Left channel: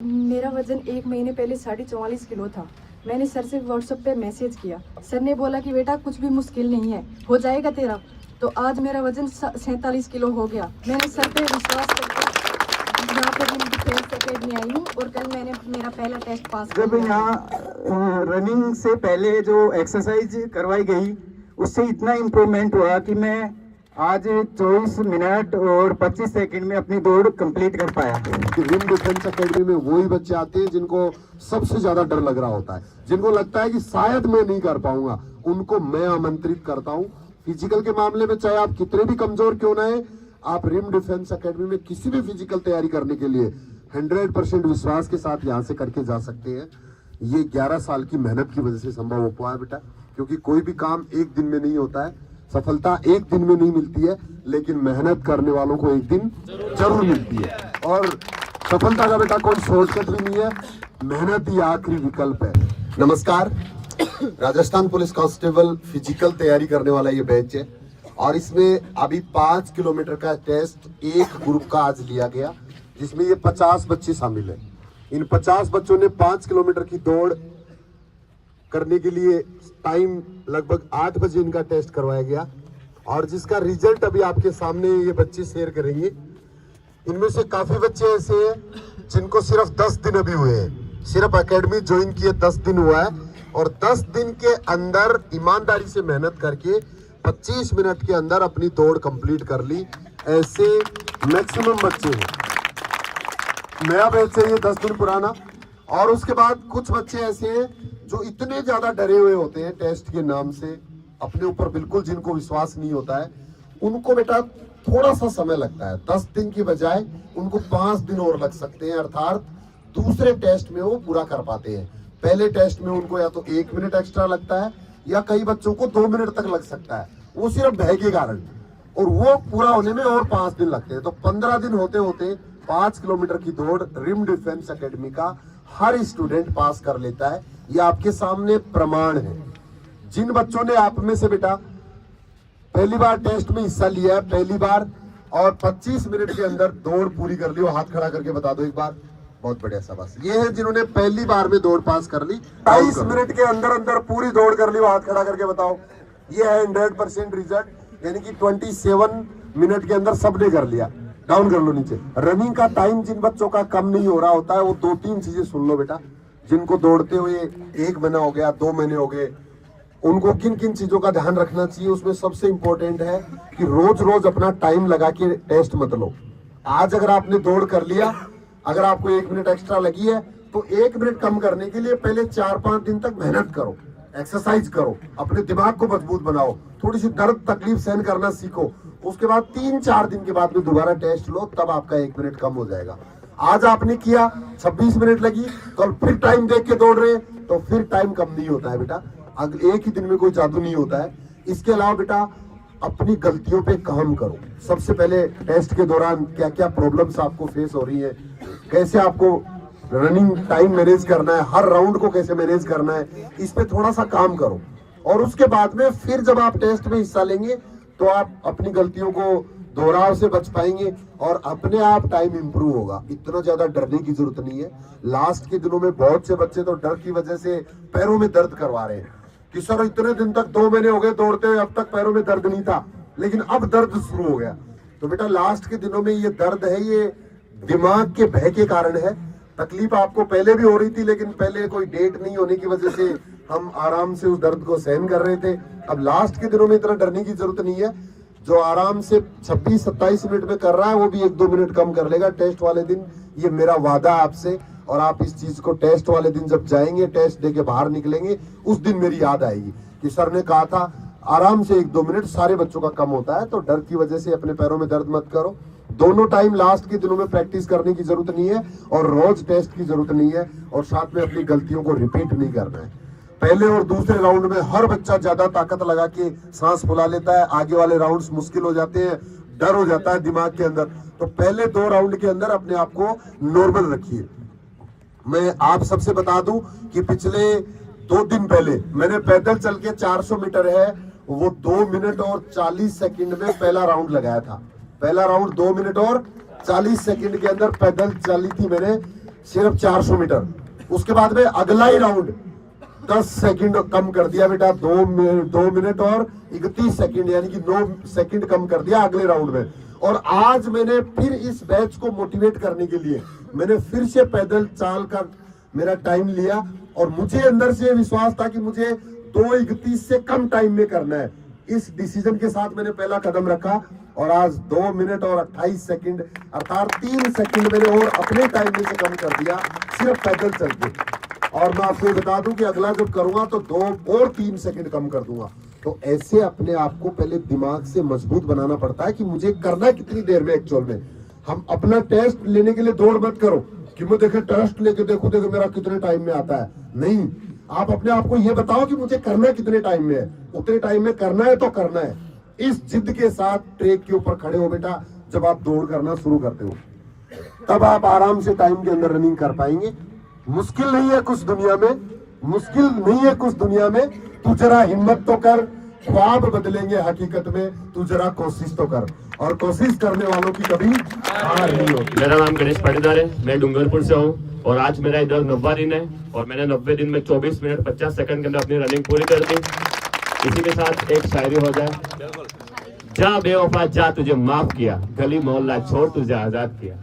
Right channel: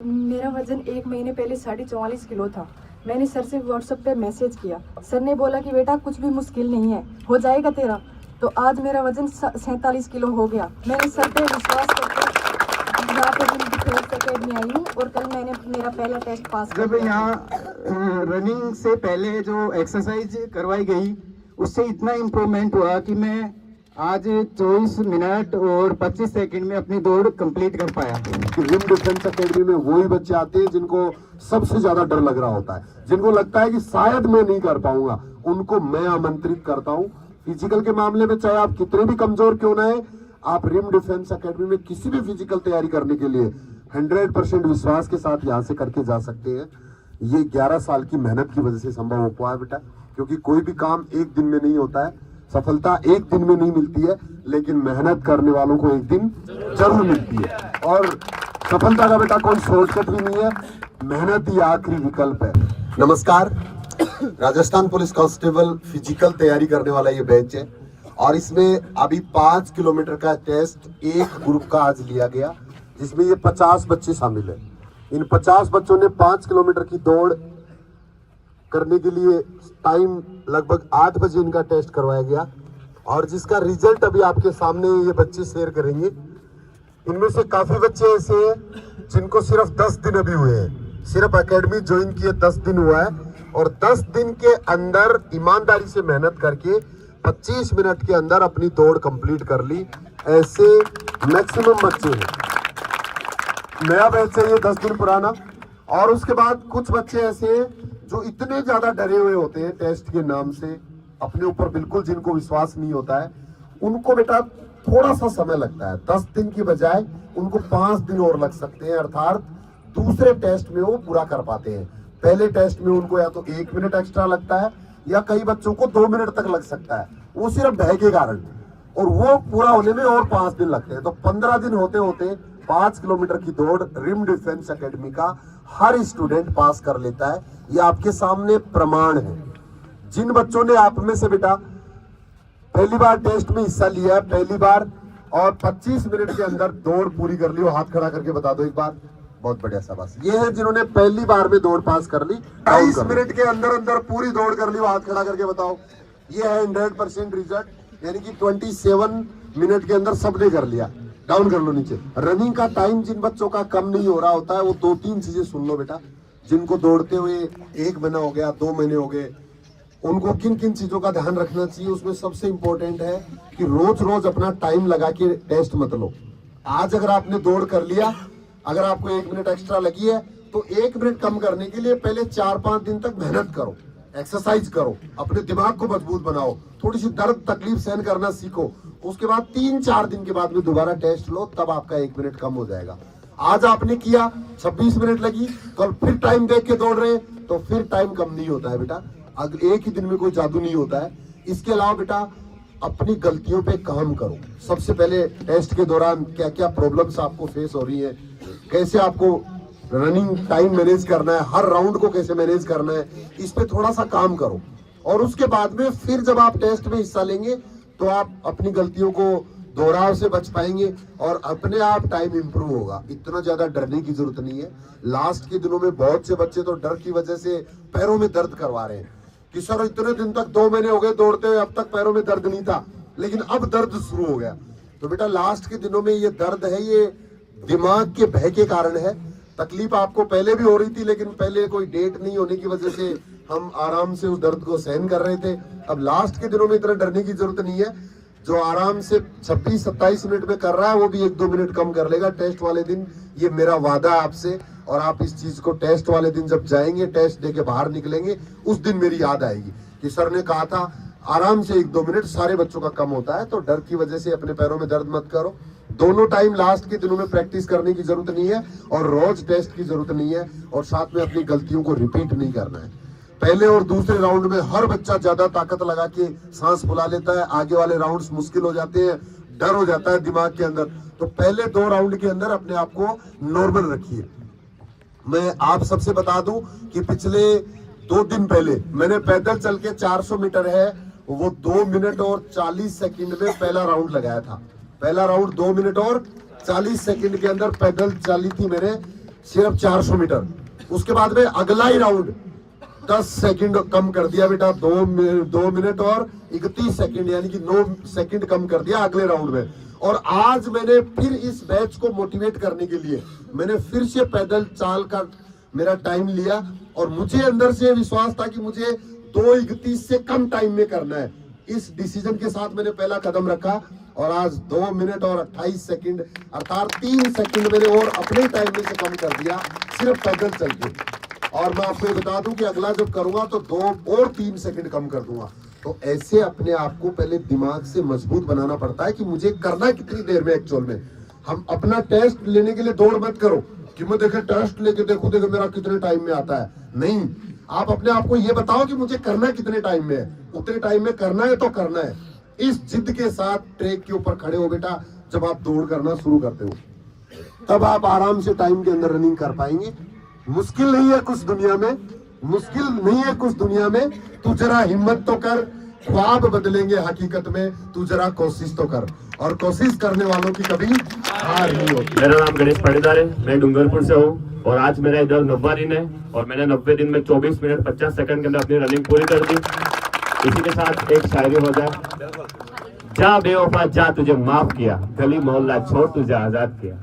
मेरा वजन 1 महीने पहले 44.5 किलो था। मैंने सर से व्हाट्सएप पे मैसेज किया। सर ने बोला कि बेटा कुछ भी मुश्किल नहीं है, हो जाएगा तेरा। तो आज मेरा वजन 47 किलो हो गया। मैंने सर पे विश्वास करके यहाँ पे डिफेंस एकेडमी आई हूँ और कल मैंने मेरा पहला टेस्ट पास कर जब लिया। यहाँ रनिंग से पहले जो एक्सरसाइज करवाई गई उससे इतना इम्प्रूवमेंट हुआ कि मैं आज 24 मिनट और 25 सेकंड में अपनी दौड़ कंप्लीट कर पाया। रिम डिफेंस एकेडमी में वही बच्चे आते हैं जिनको सबसे ज्यादा डर लग रहा होता है, जिनको लगता है कि शायद मैं नहीं कर पाऊंगा, उनको मैं आमंत्रित करता हूं। फिजिकल के मामले में चाहे आप कितने भी कमजोर क्यों ना है, आप रिम डिफेंस एकेडमी में किसी भी फिजिकल तैयारी करने के लिए 100% विश्वास के साथ यहाँ से करके जा सकते हैं। ये 11 साल की मेहनत की वजह से संभव हो पाया बेटा, क्योंकि कोई भी काम एक दिन में नहीं होता है, सफलता एक दिन में नहीं मिलती है, लेकिन मेहनत करने वालों को एक दिन जरूर मिलती है। और सफलता का बेटा कोई शॉर्टकट भी नहीं है, मेहनत ही आखिरी विकल्प है। नमस्कार, राजस्थान पुलिस कांस्टेबल फिजिकल तैयारी करने वाला ये बैच है और इसमें अभी 5 किलोमीटर का टेस्ट एक ग्रुप का आज लिया गया, जिसमें ये 50 बच्चे शामिल है। इन 50 बच्चों ने 5 किलोमीटर की दौड़ करने के लिए टाइम लगभग 8 बजे इनका टेस्ट करवाया गया और जिसका रिजल्ट अभी आपके सामने ये बच्चे शेयर करेंगे। इनमें से काफी बच्चे ऐसे हैं जिनको सिर्फ 10 दिन अभी हुए हैं, सिर्फ एकेडमी ज्वाइन किए 10 दिन हुआ है और 10 दिन के अंदर ईमानदारी से मेहनत करके 25 मिनट के अंदर अपनी दौड़ कंप्लीट कर ली। ऐसे मैक्सिमम बच्चे हैं। नया बैच है ये 10 दिन पुराना। और उसके बाद कुछ बच्चे ऐसे हैं जो इतने ज्यादा डरे हुए होते हैं टेस्ट के नाम से, अपने ऊपर बिल्कुल जिनको विश्वास नहीं होता है, उनको बेटा थोड़ा सा समय लगता है। 10 दिन की बजाय उनको 5 दिन और लग सकते हैं, अर्थात दूसरे टेस्ट में वो पूरा कर पाते हैं। पहले टेस्ट में उनको या तो 1 मिनट एक्स्ट्रा लगता है या कई बच्चों को 2 मिनट तक लग सकता है, वो सिर्फ भय के कारण, और वो पूरा होने में और 5 दिन लगते हैं। तो 15 दिन होते होते 5 किलोमीटर की दौड़ रिम डिफेंस एकेडमी का हर स्टूडेंट पास कर लेता है। ये आपके सामने प्रमाण है। जिन बच्चों ने आप में से बेटा पहली बार टेस्ट में हिस्सा लिया है, पहली बार, और 25 मिनट के अंदर दौड़ पूरी कर ली, वो हाथ खड़ा करके बता दो एक बार। बहुत बढ़िया, शाबाश। ये है जिन्होंने पहली बार में दौड़ पास कर ली, 22 मिनट के अंदर अंदर पूरी दौड़ कर ली, वो हाथ खड़ा करके बताओ। ये है 100% रिजल्ट, यानी कि 27 मिनट के अंदर सबने कर लिया। डाउन कर लो नीचे। रनिंग का टाइम जिन बच्चों का कम नहीं हो रहा होता है, वो 2-3 चीजें सुन लो बेटा। जिनको दौड़ते हुए 1 महीना हो गया, 2 महीने हो गए, उनको किन किन चीजों का ध्यान रखना चाहिए, उसमें सबसे इंपॉर्टेंट है कि रोज रोज अपना टाइम लगा के टेस्ट मत लो। आज अगर आपने दौड़ कर लिया, अगर आपको 1 मिनट एक्स्ट्रा लगी है, तो 1 मिनट कम करने के लिए पहले 4-5 दिन तक मेहनत करो, एक्सरसाइज करो, अपने दिमाग को मजबूत बनाओ, थोड़ी सी दर्द तकलीफ सहन करना सीखो। उसके बाद 3-4 दिन के बाद में दोबारा टेस्ट लो, तब आपका 1 मिनट कम हो जाएगा। आज आपने किया, 26 मिनट लगी, कल फिर टाइम देख के दौड़ रहे हैं, तो फिर टाइम कम नहीं होता है बेटा। एक ही दिन में कोई जादू नहीं होता है। इसके अलावा बेटा अपनी गलतियों पे काम करो। सबसे पहले टेस्ट के दौरान क्या क्या प्रॉब्लम्स आपको फेस हो रही है, कैसे आपको रनिंग टाइम मैनेज करना है, हर राउंड को कैसे मैनेज करना है, इस पे थोड़ा सा काम करो। और उसके बाद में फिर जब आप टेस्ट में हिस्सा लेंगे तो आप अपनी गलतियों को दोहराव से बच पाएंगे और अपने आप टाइम इंप्रूव होगा। इतना ज्यादा डरने की जरूरत नहीं है। लास्ट के दिनों में बहुत से बच्चे तो डर की वजह से पैरों में दर्द करवा रहे हैं कि सर इतने दिन तक 2 महीने हो गए दौड़ते हुए, अब तक पैरों में दर्द नहीं था, लेकिन अब दर्द शुरू हो गया। तो बेटा लास्ट के दिनों में ये दर्द है, ये दिमाग के भय के कारण है। तकलीफ आपको पहले भी हो रही थी, लेकिन पहले कोई डेट नहीं होने की वजह से हम आराम से उस दर्द को सहन कर रहे थे। अब लास्ट के दिनों में इतना डरने की जरूरत नहीं है। जो आराम से 26-27 मिनट में कर रहा है, वो भी 1-2 मिनट कम कर लेगा टेस्ट वाले दिन। ये मेरा वादा है आपसे, और आप इस चीज को टेस्ट वाले दिन जब जाएंगे, टेस्ट दे के बाहर निकलेंगे, उस दिन मेरी याद आएगी कि सर ने कहा था आराम से 1-2 मिनट सारे बच्चों का कम होता है। तो डर की वजह से अपने पैरों में दर्द मत करो। दोनों टाइम लास्ट के दिनों में प्रैक्टिस करने की जरूरत नहीं है और रोज टेस्ट की जरूरत नहीं है, और साथ में अपनी गलतियों को रिपीट नहीं करना है। पहले और दूसरे राउंड में हर बच्चा ज्यादा ताकत लगा के सांस फुला लेता है, आगे वाले राउंड्स मुश्किल हो जाते हैं, डर हो जाता है दिमाग के अंदर। तो पहले 2 राउंड के अंदर अपने आप को नॉर्मल रखिए। मैं आप सबसे बता दूं कि पिछले 2 दिन पहले मैंने पैदल चल के 400 मीटर है, वो 2 मिनट और 40 सेकंड में पहला राउंड लगाया था। पहला राउंड 2 मिनट और 40 सेकंड के अंदर पैदल चली थी मैंने सिर्फ 400 मीटर। उसके बाद में अगला ही राउंड 10 सेकंड कम कर दिया बेटा, 2 मिनट और 31 सेकंड, यानी कि 9 सेकंड कम कर दिया अगले राउंड में। और आज मैंने फिर इस बैच को मोटिवेट करने के लिए मैंने फिर से पैदल चाल का मेरा टाइम लिया, और मुझे अंदर से विश्वास था कि मुझे 2:31 से कम टाइम में करना है। इस डिसीजन के साथ मैंने पहला कदम रखा, और आज 2 मिनट और 28 सेकंड अर्थात 3 सेकंड मैंने और अपने टाइम में से कम कर दिया सिर्फ पैदल चल के। और मैं आपको बता दूं कि अगला जब करूंगा तो 2 और 3 सेकंड कम कर दूंगा। तो ऐसे अपने आप को पहले दिमाग से मजबूत बनाना पड़ता है कि मुझे करना कितनी देर में। एक्चुअल में हम अपना टेस्ट लेने के लिए दौड़ मत करो कि मैं देखे टेस्ट लेके देखो मेरा कितने टाइम में आता है। नहीं, आप अपने आप को ये बताओ कि मुझे करना कितने टाइम में है, उतने टाइम में करना है तो करना है। इस जिद के साथ ट्रैक के ऊपर खड़े हो बेटा, जब आप दौड़ करना शुरू करते हो तब आप आराम से टाइम के अंदर रनिंग कर पाएंगे। मुश्किल नहीं है कुछ दुनिया में, मुश्किल नहीं है कुछ दुनिया में। तू जरा हिम्मत तो कर, ख्वाब बदलेंगे हकीकत में, तू जरा कोशिश तो कर, और कोशिश करने वालों की कभी हार नहीं होती। मेरा नाम गणेश पाटीदार है, मैं डूंगरपुर से हूँ, और आज मेरा इधर 90वां दिन है, और मैंने 90 दिन में 24 मिनट 50 सेकंड के अंदर अपनी रनिंग पूरी कर दी। इसी के साथ एक शायरी हो जाए। जा बेवफा जा, तुझे माफ किया, गली मोहल्ला छोड़ तुझे आजाद किया,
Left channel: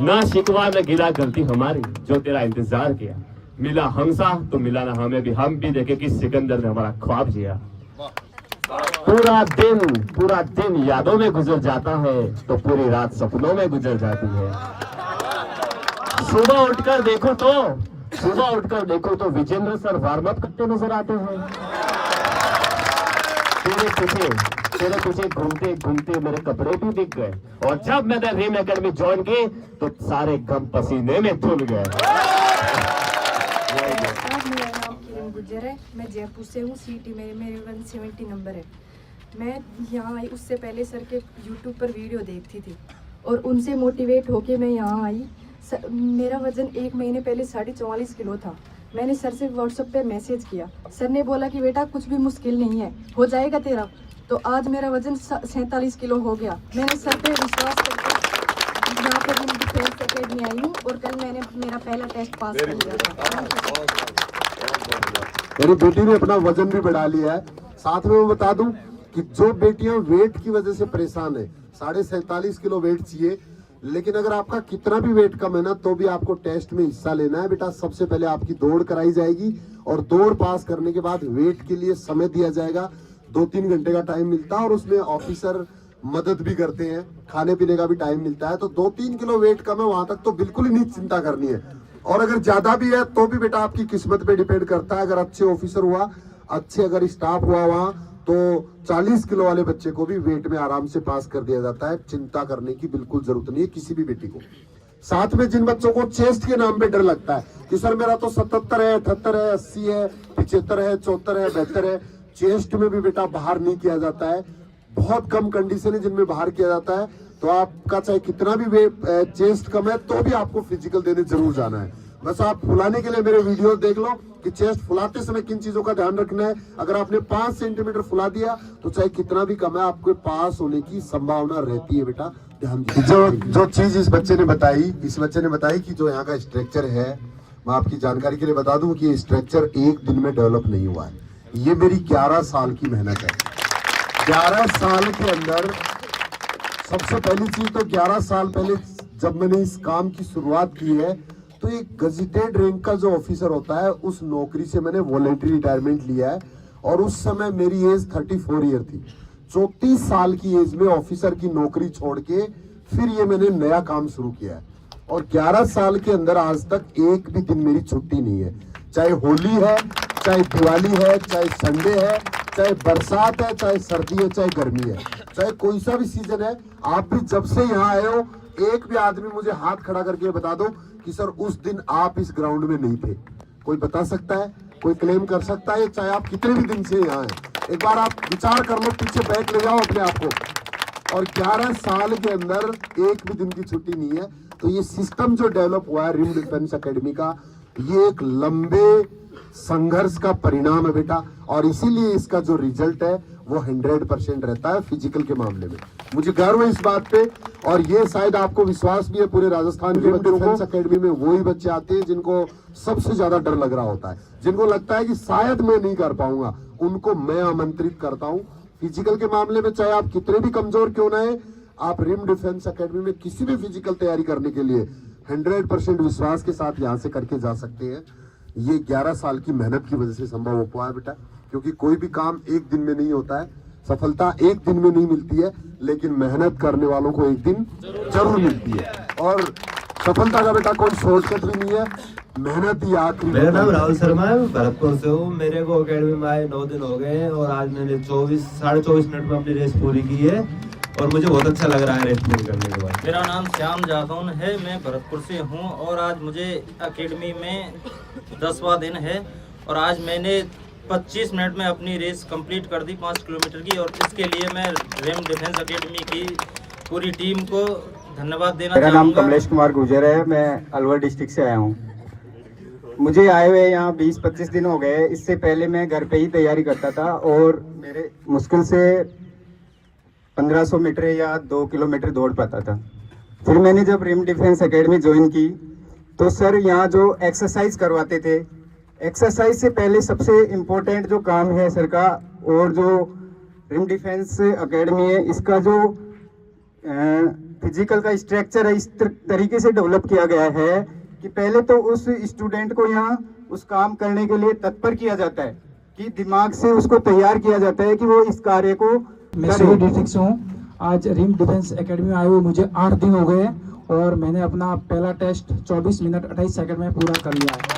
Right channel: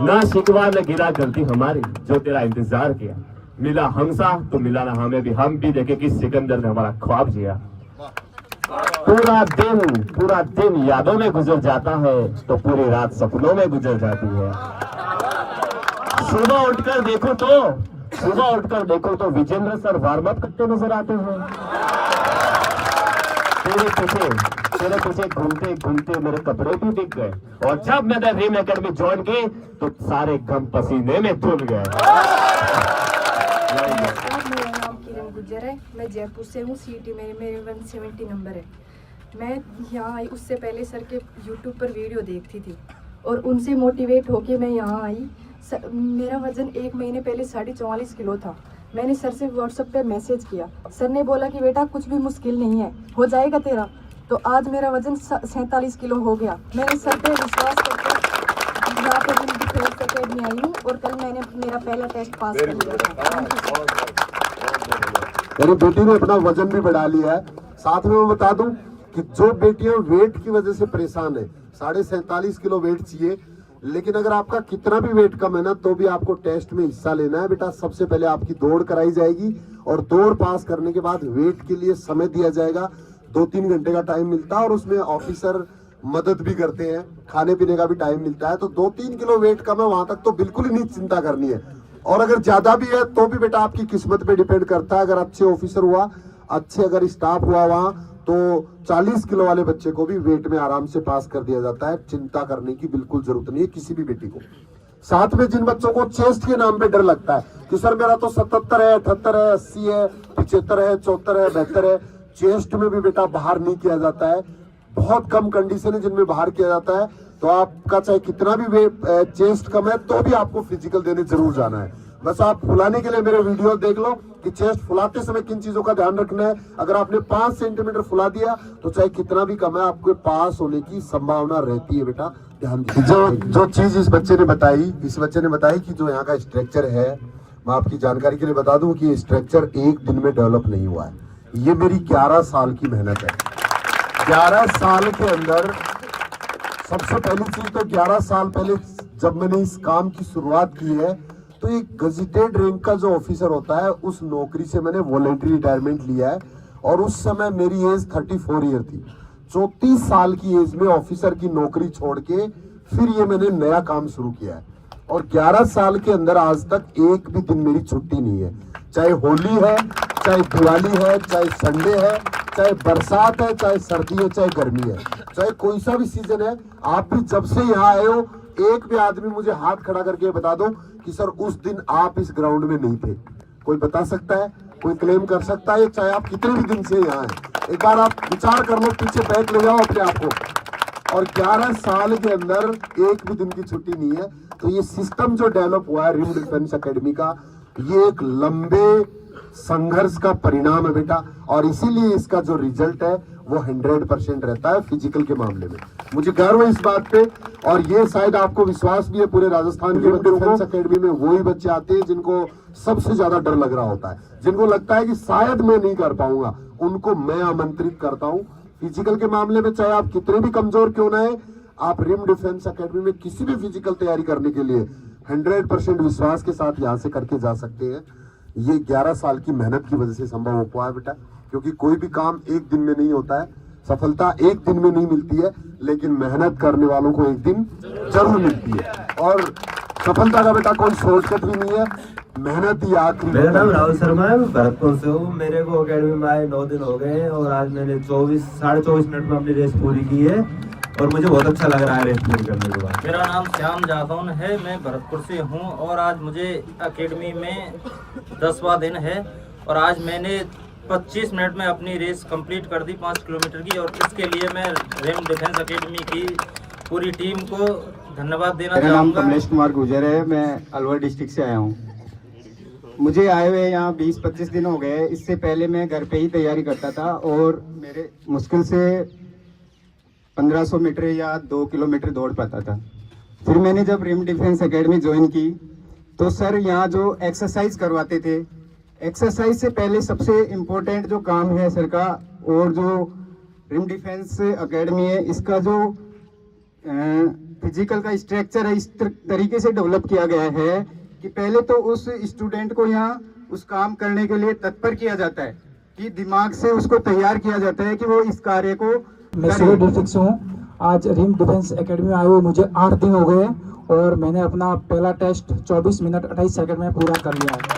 ना शिकवा न गिला गलती हमारी, जो तेरा इंतजार किया, मिला हमसा तो मिला ना हमें भी, हम भी देखे कि सिकंदर ने हमारा ख्वाब जिया। पूरा दिन यादों में गुजर जाता है, तो पूरी रात सपनों में गुजर जाती है। सुबह उठकर देखो तो विजेंद्र सर वार्म अप करते नजर आते हैं। तेरे पीछे घूमते घूमते मेरे कपड़े भी बिक गए, और जब मैंने रिम एकेडमी ज्वाइन की तो सारे गम पसीने में धुल गए। गुजर है, मैं जयपुर से हूँ। सीटी में मेरे 170 नंबर है। मैं यहाँ आई, उससे पहले सर के यूट्यूब पर वीडियो देखती थी और उनसे मोटिवेट होके मैं यहाँ आई। मेरा वजन 1 महीने पहले 44.5 किलो था। मैंने सर से व्हाट्सएप पे मैसेज किया। सर ने बोला कि बेटा कुछ भी मुश्किल नहीं है, हो जाएगा तेरा। तो आज मेरा वजन 47 किलो हो गया। मैंने सर पे विश्वास करके यहाँ पे उनकी हेल्थ अकेडमी आई हूँ, और कल मैंने मेरा पहला टेस्ट पास कर लिया। मेरी बेटी ने अपना वजन भी बढ़ा लिया है। साथ में मैं बता दूं कि जो बेटियां वेट की वजह से परेशान है, 47.5 किलो वेट चाहिए, लेकिन अगर आपका कितना भी वेट कम है ना, तो भी आपको टेस्ट में हिस्सा लेना है बेटा। सबसे पहले आपकी दौड़ कराई जाएगी, और दौड़ पास करने के बाद वेट के लिए समय दिया जाएगा। 2-3 घंटे का टाइम मिलता है, और उसमें ऑफिसर मदद भी करते हैं, खाने पीने का भी टाइम मिलता है। तो 2-3 किलो वेट कम है, वहां तक तो बिल्कुल ही नहीं चिंता करनी है। और अगर ज्यादा भी है तो भी बेटा आपकी किस्मत पे डिपेंड करता है। अगर अच्छे ऑफिसर हुआ, अच्छे अगर स्टाफ हुआ वहां, तो 40 किलो वाले बच्चे को भी वेट में आराम से पास कर दिया जाता है। चिंता करने की बिल्कुल जरूरत नहीं है किसी भी बेटी को। साथ में जिन बच्चों को चेस्ट के नाम पे डर लगता है कि सर मेरा तो 77 है, 78 है, 80 है, 75 है, 74 है, 72 है, चेस्ट में भी बेटा बाहर नहीं किया जाता है। बहुत कम कंडीशन है जिनमें बाहर किया जाता है। तो आपका चाहे कितना भी चेस्ट कम है, तो भी आपको फिजिकल देने जरूर जाना है। बस आप फुलाने के लिए मेरे वीडियो देख लो कि चेस्ट फुलाते समय किन चीजों का ध्यान रखना है। अगर आपने 5 सेंटीमीटर फुला दिया तो चाहे कितना भी कम है, आपके पास होने की संभावना रहती है बेटा, ध्यान दीजिए। जो चीज इस बच्चे ने बताई कि जो यहाँ का स्ट्रक्चर है, मैं आपकी जानकारी के लिए बता दूं कि स्ट्रक्चर एक दिन में डेवलप नहीं हुआ है। ये मेरी 11 साल की मेहनत है। 11 साल के अंदर सबसे पहली चीज तो 11 साल पहले जब मैंने इस काम की शुरुआत की है, तो एक गजेटेड रैंक का जो ऑफिसर होता है, उस नौकरी से मैंने वॉलंटरी रिटायरमेंट लिया है। और उस समय मेरी एज 34 ईयर थी। 34 साल की एज में ऑफिसर की नौकरी छोड़ के फिर ये मैंने नया काम शुरू किया है। और 11 साल के अंदर आज तक एक भी दिन मेरी छुट्टी नहीं है। चाहे होली है, चाहे दिवाली है, चाहे संडे है, चाहे बरसात है, चाहे सर्दी है, चाहे गर्मी है, चाहे कोई सा भी सीजन है। आप भी जब से यहाँ आए हो, एक भी आदमी मुझे हाथ खड़ा करके बता दो कि सर उस दिन आप इस ग्राउंड में नहीं थे। कोई बता सकता है? कोई क्लेम कर सकता है? चाहे आप कितने भी दिन से यहाँ हैं, एक बार आप विचार कर लो, पीछे बैठ ले जाओ अपने आप को। और 11 साल के अंदर एक भी दिन की छुट्टी नहीं है। तो ये सिस्टम जो डेवलप हुआ है रिम डिफेंस एकेडमी का, ये एक लंबे संघर्ष का परिणाम है बेटा। और इसीलिए इसका जो रिजल्ट है वो 100% रहता है फिजिकल के मामले में। मुझे गर्व है इस बात पे, और ये शायद आपको विश्वास भी है पूरे राजस्थान के डिफेंस एकेडमी में वही बच्चे आते हैं जिनको सबसे ज्यादा डर लग रहा होता है, जिनको लगता है कि शायद मैं नहीं कर पाऊंगा, उनको मैं आमंत्रित करता हूँ। फिजिकल के मामले में चाहे आप कितने भी कमजोर क्यों ना है, आप रिम डिफेंस एकेडमी में किसी भी फिजिकल तैयारी करने के लिए 100% विश्वास के साथ यहाँ से करके जा सकते हैं। ये 11 साल की मेहनत की वजह से संभव हो पाया बेटा, क्योंकि कोई भी काम एक दिन में नहीं होता है, सफलता एक दिन में नहीं मिलती है, लेकिन मेहनत करने वालों को एक दिन जरूर मिलती है। और सफलता का बेटा कोई शॉर्टकट भी नहीं है, मेहनत ही आखिरी। मेरा नाम राहुल शर्मा है, मैं भरतपुर से हूँ। मेरे को अकेडमी में आए 9 दिन हो गए हैं और आज मैंने 24 मिनट में अपनी रेस पूरी की है और मुझे बहुत अच्छा लग रहा है रेस पूरी करने के बाद। मेरा नाम श्याम जादौन है, मैं भरतपुर से हूँ और आज मुझे एकेडमी में 10वां दिन है और आज मैंने 25 मिनट में अपनी रेस कंप्लीट कर दी 5 किलोमीटर की, और इसके लिए मैं रिम डिफेंस एकेडमी की पूरी टीम को धन्यवाद देना मेरा नाम चाहूँगा। कमलेश कुमार गुर्जर है, मैं अलवर डिस्ट्रिक्ट से आया हूँ। मुझे आए हुए यहाँ 20-25 दिन हो गए। इससे पहले मैं घर पे ही तैयारी करता था और मेरे मुश्किल से 1500 मीटर या 2 किलोमीटर दौड़ पाता था। फिर मैंने जब रिम डिफेंस एकेडमी ज्वाइन की तो सर यहाँ जो एक्सरसाइज करवाते थे, एक्सरसाइज से पहले सबसे इम्पोर्टेंट जो काम है सर का, और जो रिम डिफेंस एकेडमी है इसका जो फिजिकल का स्ट्रक्चर है इस तरीके से डेवलप किया गया है कि पहले तो उस स्टूडेंट को यहाँ उस काम करने के लिए तत्पर किया जाता है, कि दिमाग से उसको तैयार किया जाता है कि वो इस कार्य को मैं सूरत डिस्ट्रिक्ट से हूँ। आज रिम डिफेंस एकेडमी में आए हुए मुझे 8 दिन हो गए और मैंने अपना पहला टेस्ट 24 मिनट 28 सेकंड में पूरा कर लिया है।